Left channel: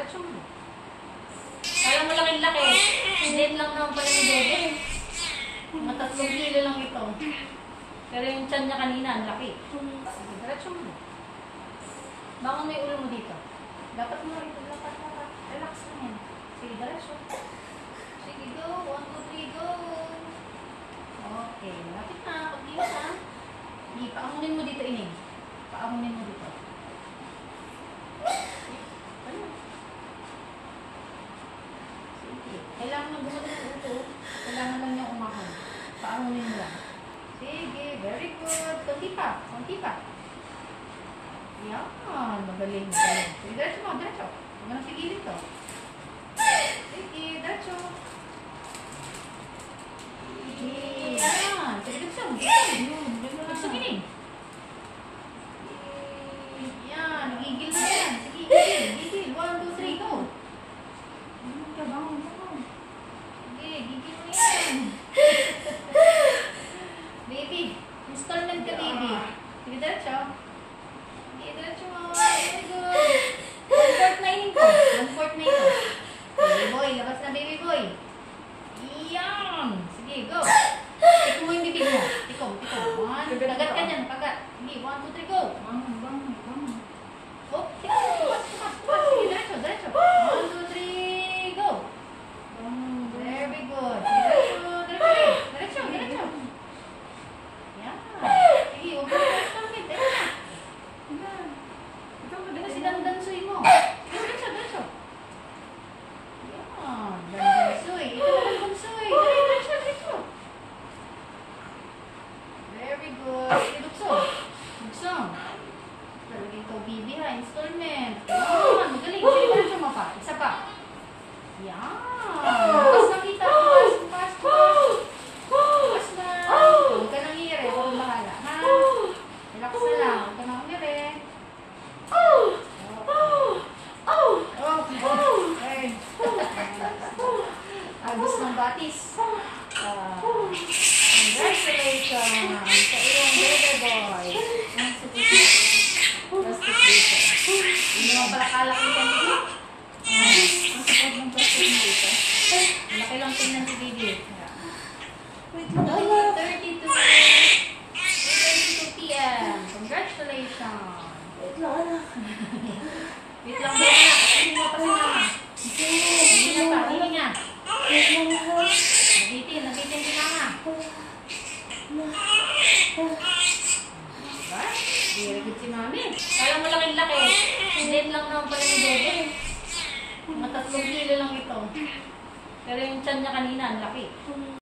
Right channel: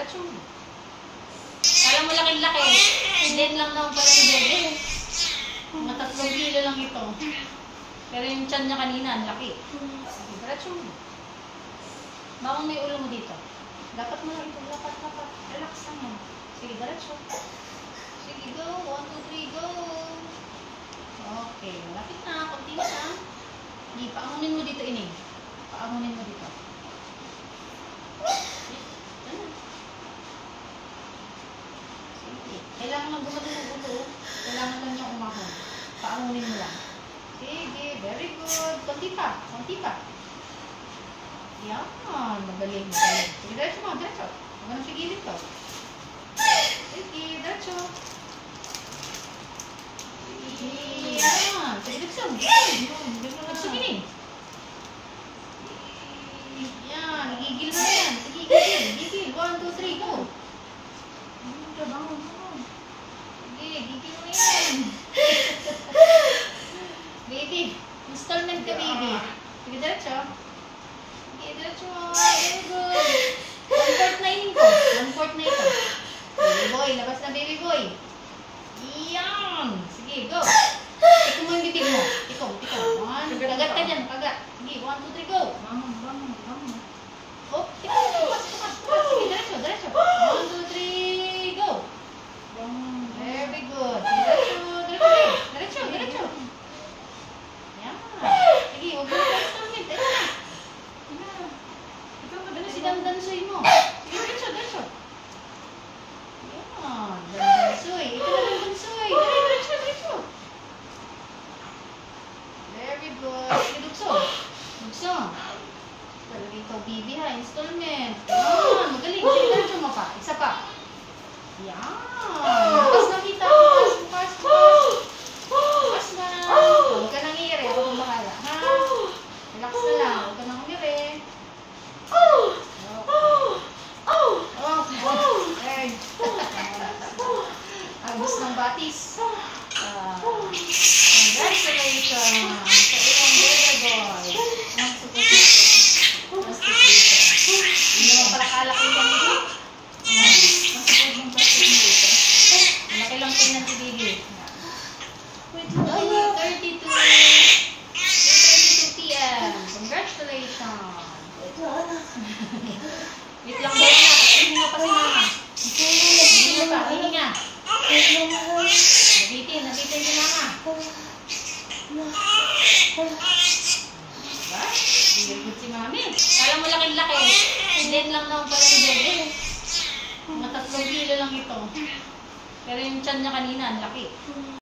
Diretso mo. Kala mo laki-laki. Hindi lang naman pala ni Bebe. Mga 3 kilo lang ito. Pero yung tiyan niya kanina, ang laki. Sige, diretso mo. Bakong may ulo mo dito. Dapat mo na ito. Lapat. Relax lang yan. Sige, diretso. Sige, go. 1, 2, 3, go. Okay, lapit na. Kunti na. Hindi, paangunin mo dito, Ining. Paangunin mo dito. Ano? Sige. Kailangan lang gumawa ng ulo. Kailangan lang niyang umahon. Paangunin mo lang. Sige, very good. Kunti pa. Yan. Magaling. Sige, diretso mo. Huwag na sigilin to. Sige, diretso. Yan. Sige, diretso. Sige. Yan. Gigil na yan. Sige, gigil. 1, 2, 3, go. Sige, gigil mo yan. Baby. Installment ka, baby. Sige, diretso. Diretso mo. Very good. 1/4 na yun ko. 1/4 na ito. Baby boy. Labas na, baby boy. Yan. Sige, go. Ikaw mo yung bibig mo. Ikaw. Kagat ka dyan. Kagat. Sige, 1, 2, 3, go. Oh, tumas. Sige, diretso. 1, 2, 3, go. Very good. Diretso. Yan. Sige, huwag mo na installment. Dandansoy mo. Diretso. Yan. Dandansoy. Ito na dandansoy. Diretso. Very good. Sige, dugsong. Talaga ikaw, bibi ha. Installment. Yan. Magaling. Sige, diretso mo pa. Isa pa. Yan. Bukas na kita. Bukas na. Huwag ka nang hiri. Huwag kang bahala. Ha? Relax na lang. Huwag ka nang hiri. Agos ng batis. Congratulations sa iyong Bebe boy. Ang supot na. Plastic dito. Hindi naman pala kalaki yan dito. Ang supot ng plastic dito. Malaki lang tingnan si Bibi. Wait lang. 32 p.m. Congratulations. Wait lang daw na. Hindi mo pa si mama. Hindi na pa. Hindi nga. Nabitin si mama. Very good si mami. Kala mo laki-laki. Hindi lang naman pala ni Bebe. Mga 3 kilo lang ito. Pero yung tiyan niya kanina, ang laki.